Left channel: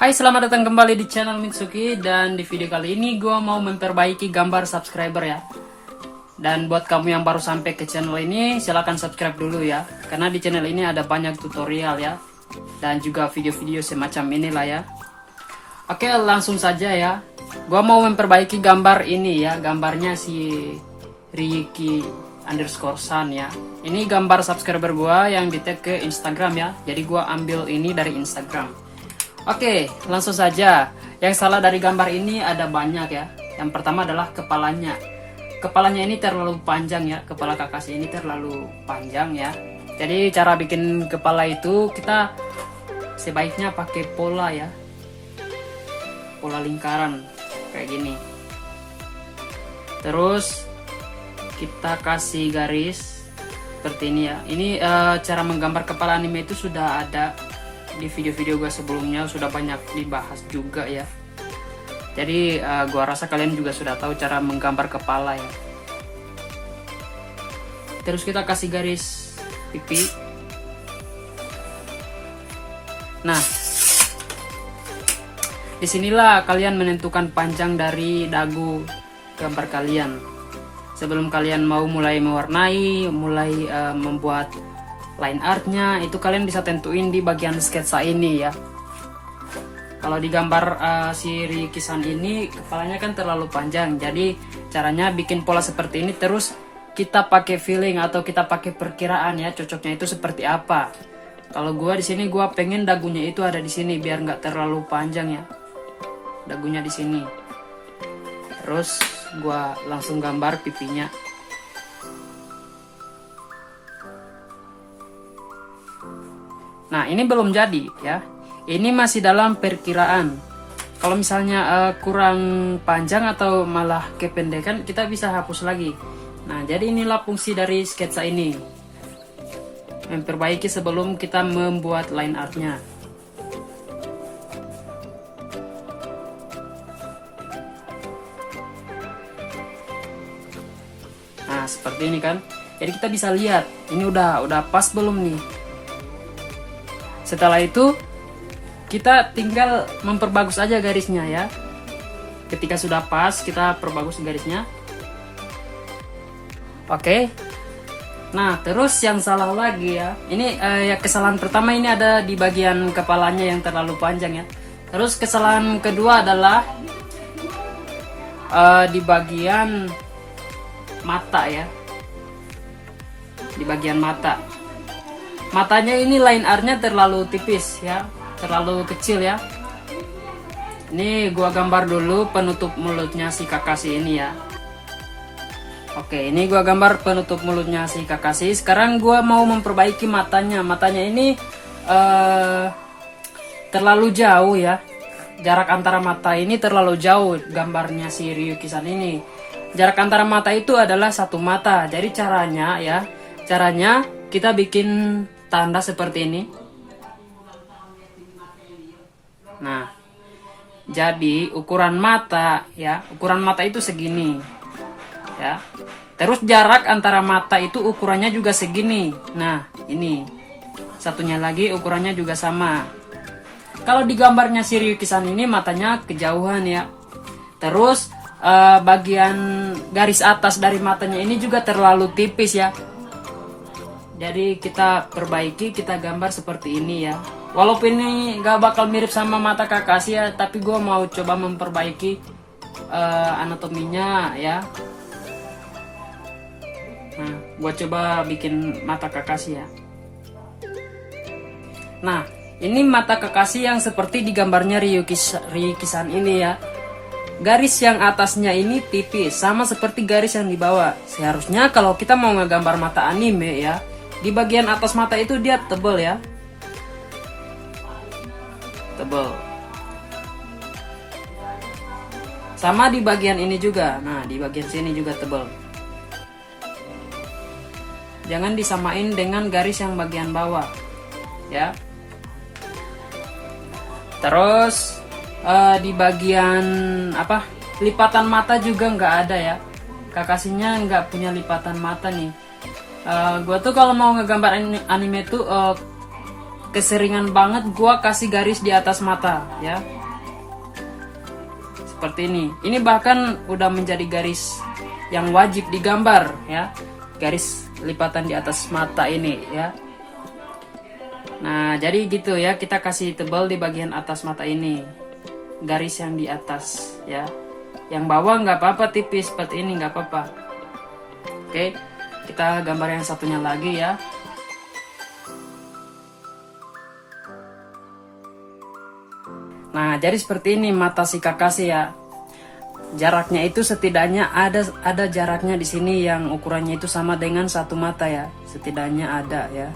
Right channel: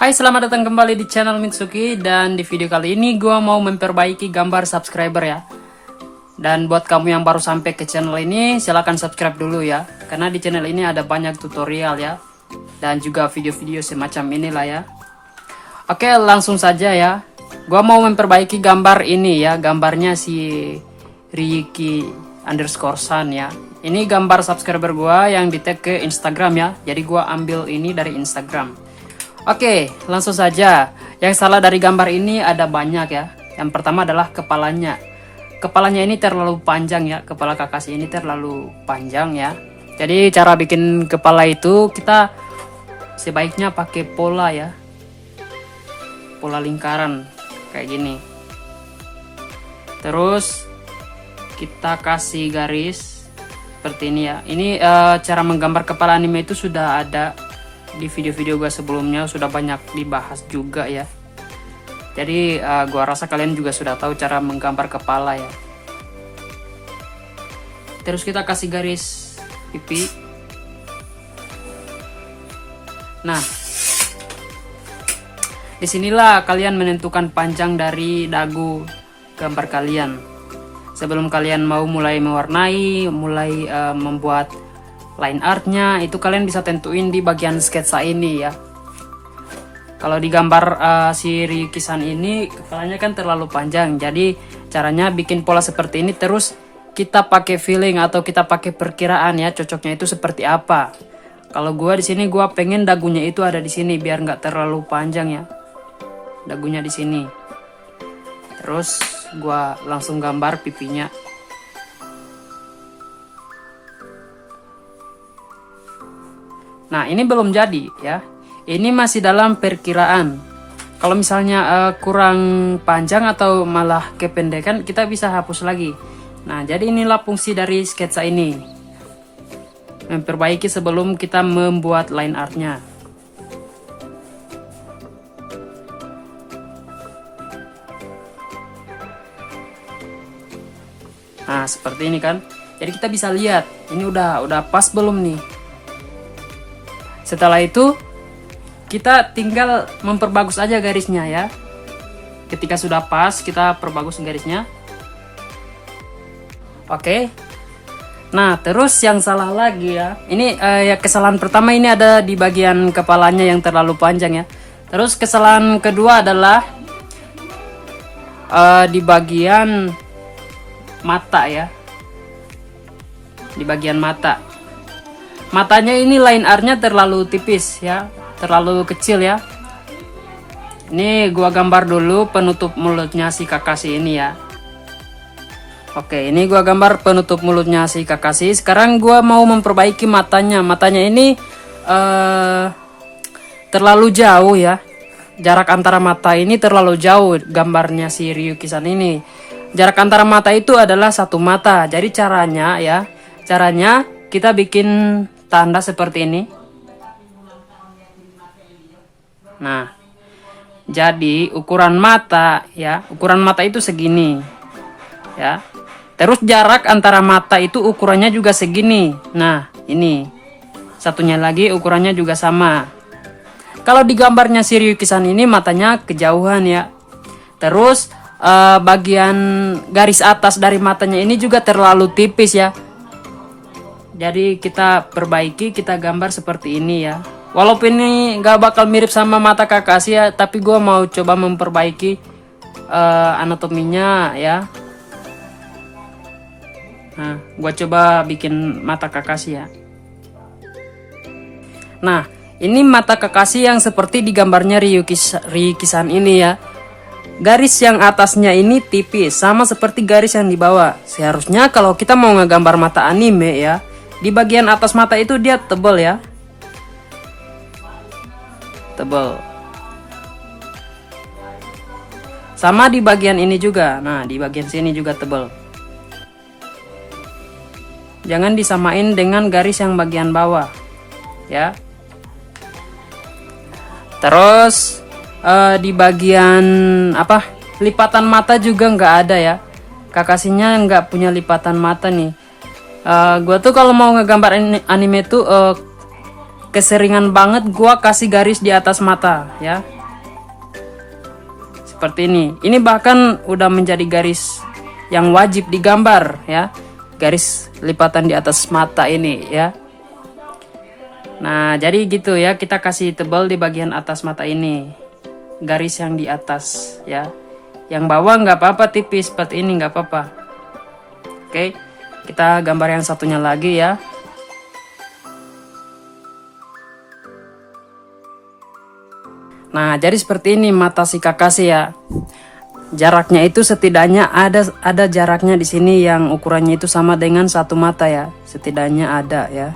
Hai, selamat datang kembali di channel Mitsuki. Dan di video kali ini gue mau memperbaiki gambar subscriber ya. Dan buat kamu yang baru sampai ke channel ini, silahkan subscribe dulu ya, karena di channel ini ada banyak tutorial ya, dan juga video-video semacam inilah ya. Oke, langsung saja ya. Gue mau memperbaiki gambar ini ya. Gambarnya si Ryuki_san ya. Ini gambar subscriber gue yang di tag ke Instagram ya. Jadi gue ambil ini dari Instagram. Oke, langsung saja. Yang salah dari gambar ini ada banyak ya. Yang pertama adalah kepalanya. Kepalanya ini terlalu panjang ya. Kepala Kakashi ini terlalu panjang ya. Jadi cara bikin kepala itu kita sebaiknya pakai pola ya. Pola lingkaran kayak gini. Terus kita kasih garis seperti ini ya. Ini cara menggambar kepala anime itu sudah ada di video-video gue sebelumnya, sudah banyak dibahas juga ya. Jadi gue rasa kalian juga sudah tahu cara menggambar kepala ya. Terus kita kasih garis pipi. Nah, disinilah kalian menentukan panjang dari dagu gambar kalian. Sebelum kalian mau mulai mewarnai, mulai membuat line artnya, itu kalian bisa tentuin di bagian sketsa ini ya. Kalau di gambar si Ryuki-san ini kepalanya kan terlalu panjang, jadi caranya bikin pola seperti ini. Terus kita pakai feeling atau kita pakai perkiraan ya, cocoknya itu seperti apa. Kalau gua di sini gua pengen dagunya itu ada di sini biar nggak terlalu panjang ya, dagunya di sini. Terus gua langsung gambar pipinya. Nah, ini belum jadi ya. Ini masih dalam perkiraan. Kalau misalnya kurang panjang atau malah kependekan, kita bisa hapus lagi. Nah, jadi inilah fungsi dari sketsa ini. Memperbaiki sebelum kita membuat line artnya. Nah, seperti ini kan. Jadi kita bisa lihat, ini udah pas belum nih. Setelah itu kita tinggal memperbagus aja garisnya ya. Ketika sudah pas, kita perbagus garisnya. Oke. Nah, terus yang salah lagi ya. Ini ya kesalahan pertama ini ada di bagian kepalanya yang terlalu panjang ya. Terus kesalahan kedua adalah di bagian mata ya. Di bagian mata. Matanya ini line artnya terlalu tipis ya, terlalu kecil ya. Ini gua gambar dulu penutup mulutnya si Kakashi ini ya. Oke, ini gua gambar penutup mulutnya si Kakashi. Sekarang gua mau memperbaiki matanya. Matanya ini terlalu jauh ya. Jarak antara mata ini terlalu jauh gambarnya si Ryuki-san ini. Jarak antara mata itu adalah satu mata. Jadi caranya kita bikin tanda seperti ini. Nah, jadi ukuran mata ya, ukuran mata itu segini ya. Terus jarak antara mata itu ukurannya juga segini. Nah, ini satunya lagi ukurannya juga sama. Kalau di gambarnya si Ryuki-san ini matanya kejauhan ya. Terus bagian garis atas dari matanya ini juga terlalu tipis ya. Jadi kita perbaiki, kita gambar seperti ini ya. Walaupun ini nggak bakal mirip sama mata Kakashi ya, tapi gue mau coba memperbaiki anatominya ya. Nah, gue coba bikin mata Kakashi ya. Nah, ini mata Kakashi yang seperti di gambarnya Ryuki-san ini ya. Garis yang atasnya ini tipis, sama seperti garis yang di bawah. Seharusnya kalau kita mau ngegambar mata anime ya, di bagian atas mata itu dia tebal ya. Tebal. Sama di bagian ini juga. Nah, di bagian sini juga tebal. Jangan disamain dengan garis yang bagian bawah. Ya. Terus di bagian lipatan mata juga nggak ada ya. Kakashinya nggak punya lipatan mata nih. Gue tuh kalau mau ngegambar anime tuh keseringan banget gua kasih garis di atas mata ya. Seperti ini. Ini bahkan udah menjadi garis yang wajib digambar ya. Garis lipatan di atas mata ini ya. Nah, jadi gitu ya, kita kasih tebal di bagian atas mata ini. Garis yang di atas ya. Yang bawah nggak apa-apa, tipis seperti ini nggak apa-apa. Oke, kita gambar yang satunya lagi ya. Nah, jadi seperti ini mata si Kakashi ya. Jaraknya itu setidaknya ada jaraknya di sini yang ukurannya itu sama dengan satu mata ya. Setidaknya ada ya.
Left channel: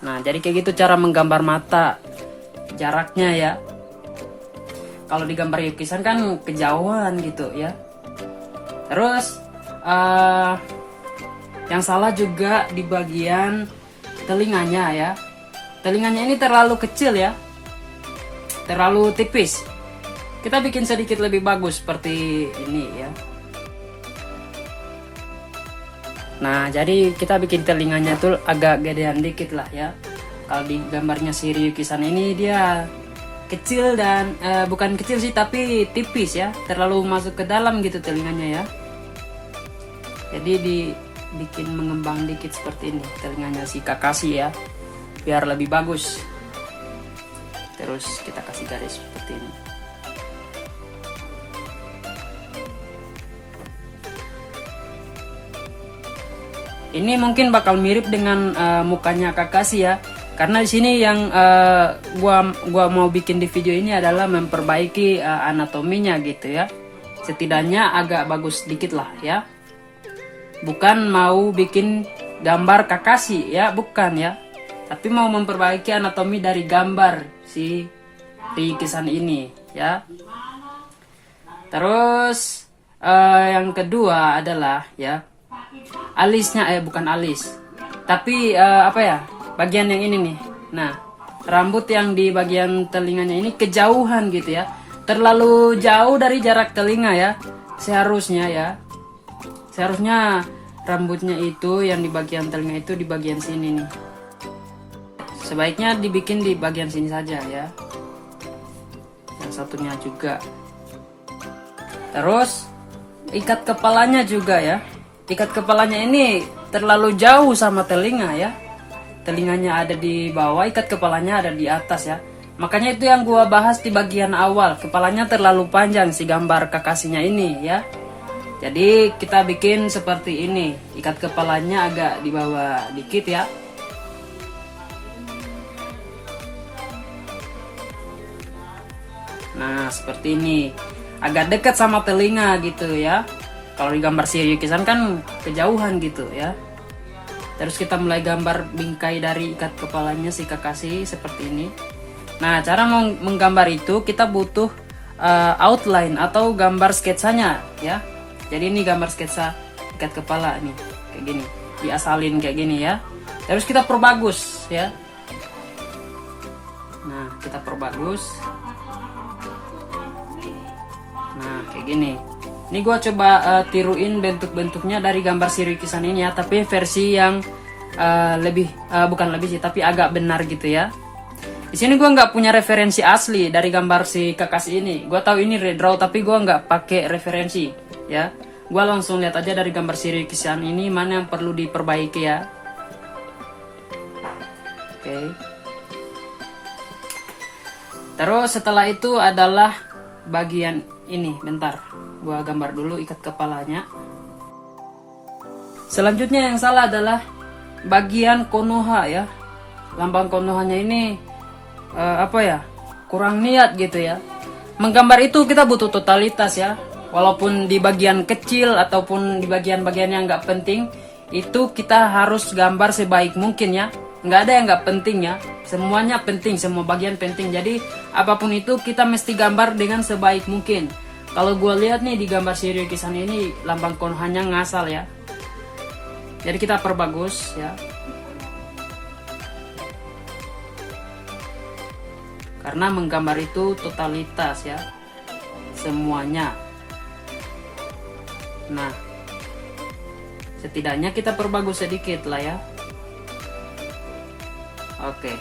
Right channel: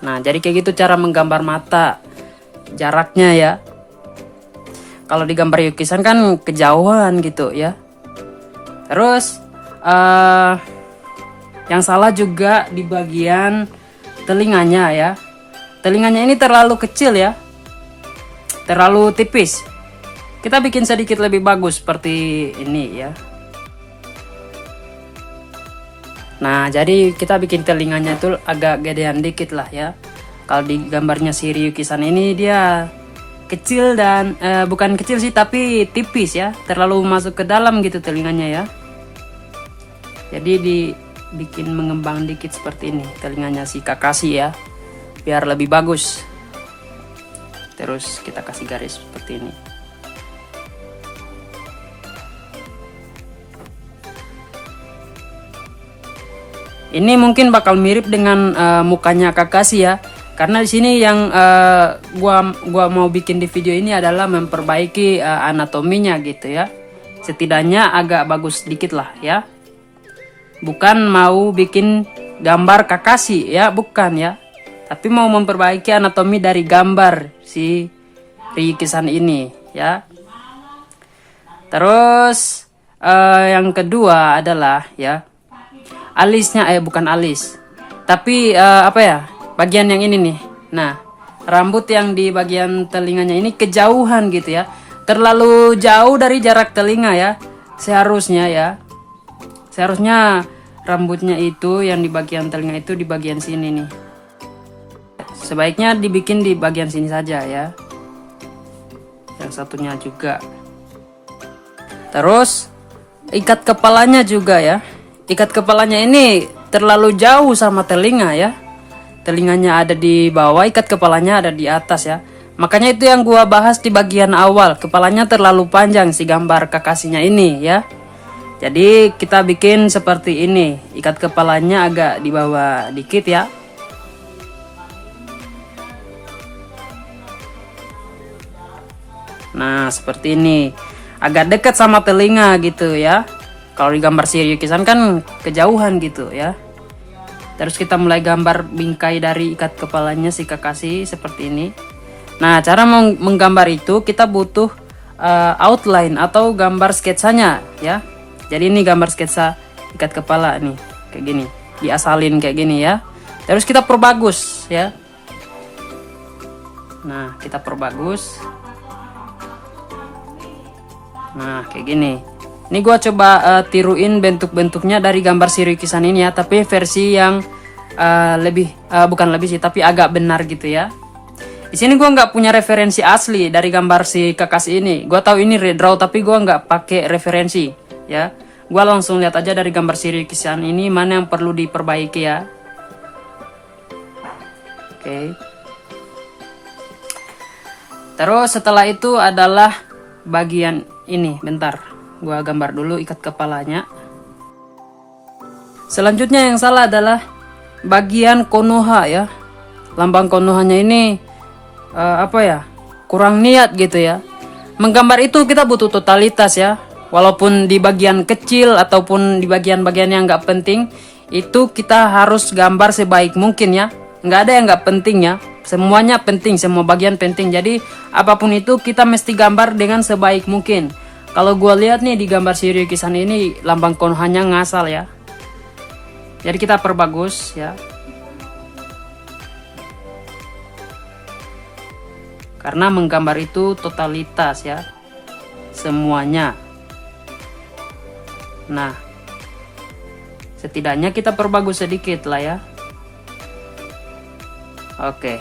Nah, jadi kayak gitu cara menggambar mata. Jaraknya ya. Kalau digambar yukisan kan kejauhan gitu ya. Terus yang salah juga di bagian telinganya ya. Telinganya ini terlalu kecil ya. Terlalu tipis. Kita bikin sedikit lebih bagus seperti ini ya. Nah, jadi kita bikin telinganya tuh agak gedean dikit lah ya. Kalau di gambarnya si Ryuki-san ini dia kecil dan bukan kecil sih, tapi tipis ya. Terlalu masuk ke dalam gitu telinganya ya. Jadi dibikin mengembang dikit seperti ini telinganya si Kakashi ya. Biar lebih bagus. Terus kita kasih garis seperti ini. Ini mungkin bakal mirip dengan mukanya Kakashi ya. Karena di sini yang gua mau bikin di video ini adalah memperbaiki anatominya gitu ya. Setidaknya agak bagus sedikit lah ya. Bukan mau bikin gambar Kakashi ya, bukan ya. Tapi mau memperbaiki anatomi dari gambar si Ryuki-san ini ya. Terus yang kedua adalah ya alisnya, bukan alis, tapi apa ya, bagian yang ini nih. Nah, rambut yang di bagian telinganya ini kejauhan gitu ya, terlalu jauh dari jarak telinga ya. Seharusnya rambutnya itu yang di bagian telinga itu di bagian sini nih. Sebaiknya dibikin di bagian sini saja ya. Yang satunya juga. Terus ikat kepalanya juga ya. Ikat kepalanya ini terlalu jauh sama telinga ya. Telinganya ada di bawah, ikat kepalanya ada di atas ya. Makanya itu yang gua bahas di bagian awal. Kepalanya terlalu panjang si gambar Kakashinya ini ya. Jadi kita bikin seperti ini. Ikat kepalanya agak di bawah dikit ya. Nah, seperti ini. Agak dekat sama telinga gitu ya. Kalau digambar si Ryuki-san kan kejauhan gitu ya. Terus kita mulai gambar bingkai dari ikat kepalanya si Kakashi seperti ini. Nah, cara menggambar itu kita butuh outline atau gambar sketsanya ya. Jadi ini gambar sketsa ikat kepala nih, kayak gini. Diasalin kayak gini ya. Terus kita perbagus ya. Nah, kita perbagus. Nah, kayak gini. Ini gua coba tiruin bentuk-bentuknya dari gambar si Ryuki-san ini ya, tapi versi yang bukan lebih sih, tapi agak benar gitu ya. Di sini gua nggak punya referensi asli dari gambar si Kakashi ini. Gua tahu ini redraw, tapi gua nggak pakai referensi ya. Gua langsung lihat aja dari gambar si Ryuki-san ini mana yang perlu diperbaiki ya. Oke. Terus setelah itu adalah bagian ini, bentar. Gua gambar dulu ikat kepalanya. Selanjutnya yang salah adalah bagian Konoha ya. Lambang Konohanya ini kurang niat gitu ya. Menggambar itu kita butuh totalitas ya. Walaupun di bagian kecil ataupun di bagian-bagian yang nggak penting, itu kita harus gambar sebaik mungkin ya. Nggak ada yang nggak penting ya. Semuanya penting, semua bagian penting. Jadi apapun itu kita mesti gambar dengan sebaik mungkin. Kalau gue lihat nih di gambar si Ryuki-san ini lambang Konohanya ngasal ya. Jadi kita perbagus ya. Karena menggambar itu totalitas ya. Semuanya. Nah, setidaknya kita perbagus sedikit lah ya. Oke.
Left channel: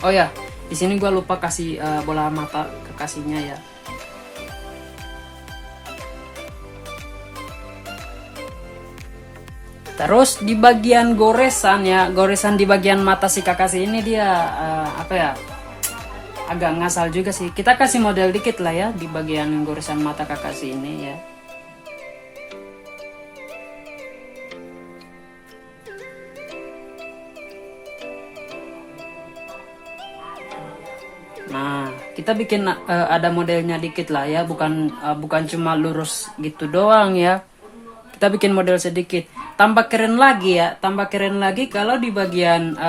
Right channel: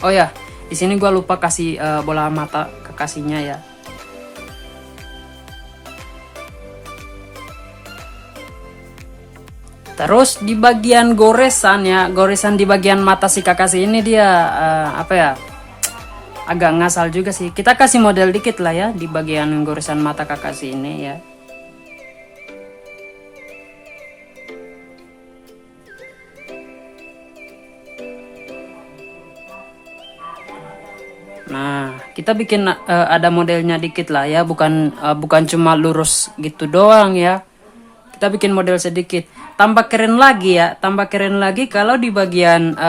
Oh ya, di sini gua lupa kasih bola mata kekasihnya ya. Terus di bagian goresan ya, goresan di bagian mata si Kakashi ini dia apa ya, agak ngasal juga sih. Kita kasih model dikit lah ya di bagian goresan mata Kakashi ini ya. Nah, kita bikin ada modelnya dikit lah ya, bukan cuma lurus gitu doang ya. Kita bikin model sedikit. Tambah keren lagi ya, tambah keren lagi kalau di bagian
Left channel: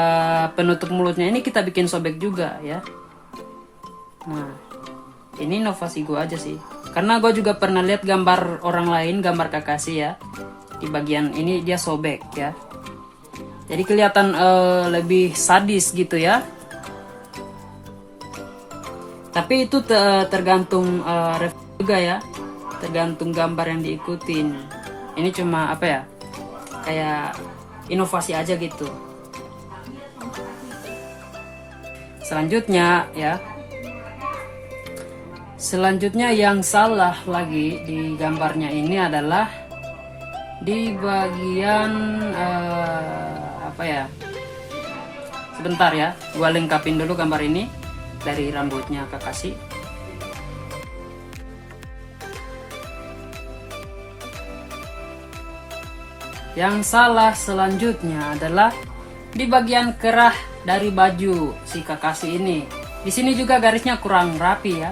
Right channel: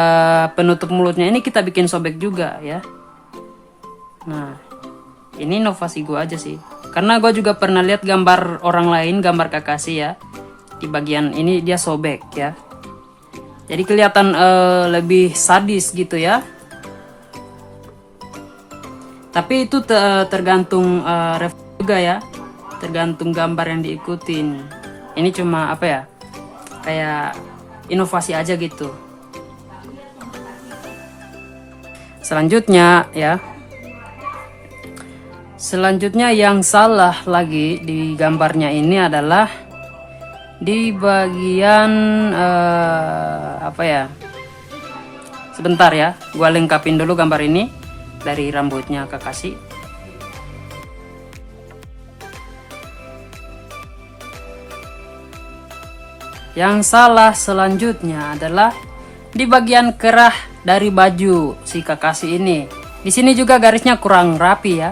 penutup mulutnya ini kita bikin sobek juga ya. Nah, ini inovasi gue aja sih. Karena gue juga pernah lihat gambar orang lain, gambar Kakashi ya. Di bagian ini dia sobek ya. Jadi kelihatan lebih sadis gitu ya. Tapi itu tergantung juga ya. Tergantung gambar yang diikutin. Ini cuma apa ya? Kayak inovasi aja gitu. Selanjutnya ya. Selanjutnya yang salah lagi di gambarnya ini adalah di bagian apa ya? Sebentar ya, gua lengkapin dulu gambar ini dari rambutnya Kakashi. Yang salah selanjutnya adalah di bagian kerah dari baju si Kakashi ini. Di sini juga garisnya kurang rapi ya,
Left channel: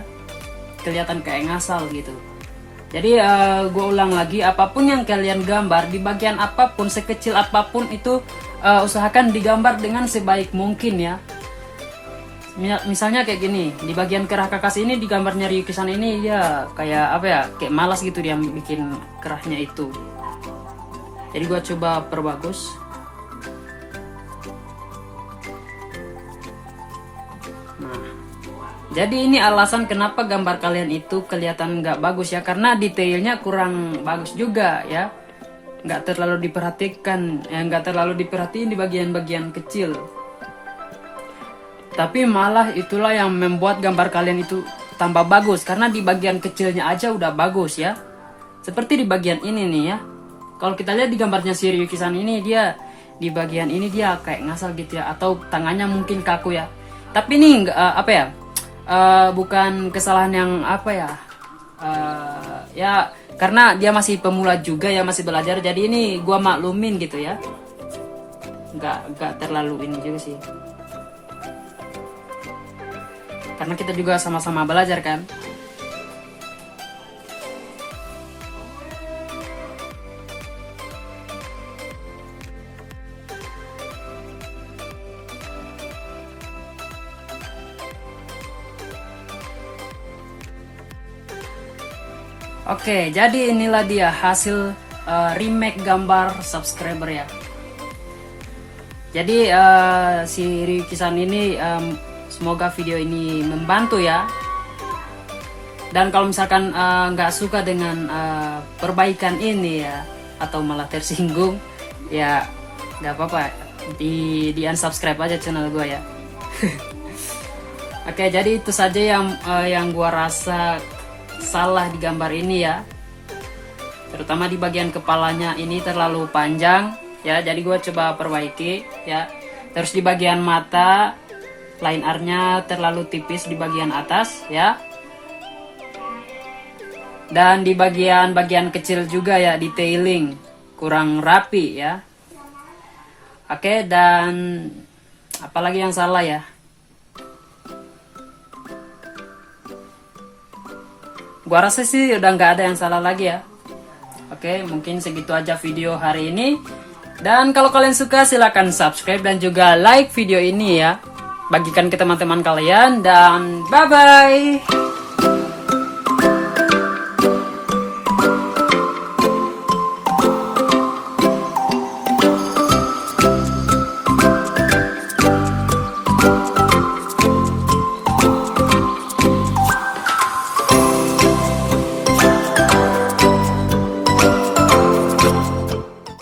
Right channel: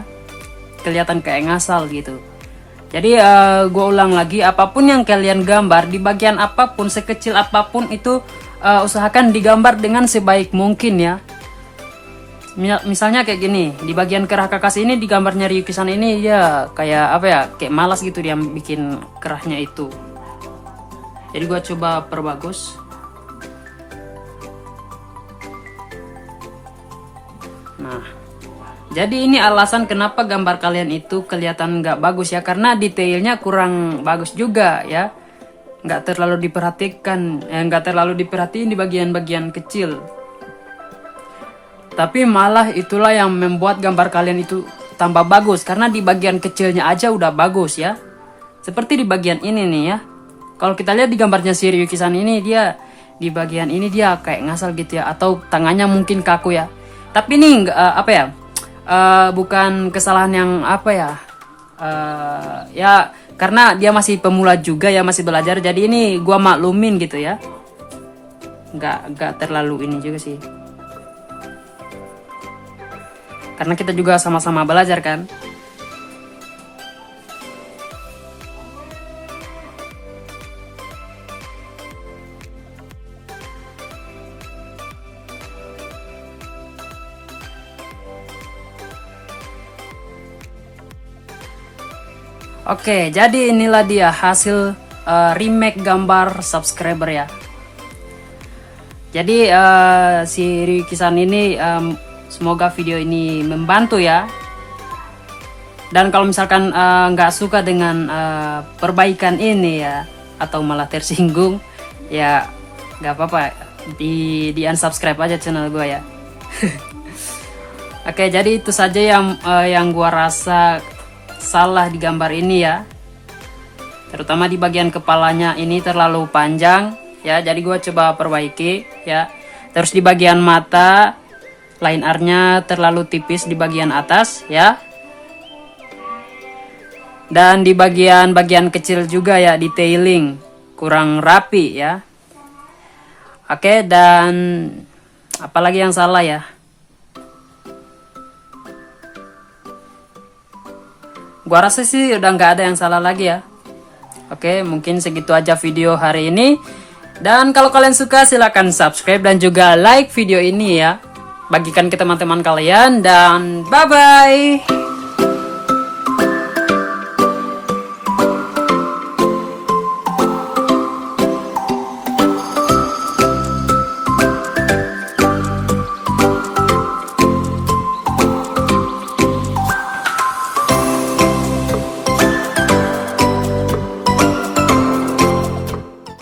kelihatan kayak ngasal gitu. Jadi gue ulang lagi, apapun yang kalian gambar di bagian apapun, sekecil apapun itu usahakan digambar dengan sebaik mungkin ya. Misalnya kayak gini, di bagian kerah Kakashi ini di gambarnya Ryuki-san ini ya kayak apa ya, kayak malas gitu dia bikin kerahnya itu. Jadi gua coba perbagus. Nah, jadi ini alasan kenapa gambar kalian itu kelihatan nggak bagus ya, karena detailnya kurang bagus juga ya, nggak terlalu diperhatikan, nggak terlalu diperhatiin di bagian-bagian kecil. Tapi malah itulah yang membuat gambar kalian itu tambah bagus, karena di bagian kecilnya aja udah bagus ya. Seperti di bagian ini nih ya. Kalau kita lihat di gambarnya si Ryuki-san ini, dia di bagian ini dia kayak ngasal gitu ya, atau tangannya mungkin kaku ya. Tapi ini apa ya? Bukan kesalahan yang apa ya? Ya karena dia masih pemula juga ya, masih belajar. Jadi ini gua maklumin gitu ya. Nggak terlalu ini juga sih. Karena kita juga sama-sama belajar kan. Oke, jadi inilah dia hasil remake gambar subscriber ya. Jadi si Ryuki-san ini semoga video ini membantu ya. Dan kalau misalkan nggak suka dengan perbaikan ini ya, atau malah tersinggung, ya nggak apa-apa, di unsubscribe aja channel gue ya. Oke, jadi itu saja yang gue rasa salah di gambar ini ya, terutama di bagian kepalanya ini terlalu panjang ya, jadi gue coba perbaiki ya. Terus di bagian mata line R-nya terlalu tipis di bagian atas ya, dan di bagian kecil juga ya, detailing kurang rapi ya. Oke, dan apalagi yang salah ya? Gua rasa sih udah nggak ada yang salah lagi ya. Oke, mungkin segitu aja video hari ini. Dan kalau kalian suka silahkan subscribe dan juga like video ini ya. Bagikan ke teman-teman kalian dan bye-bye.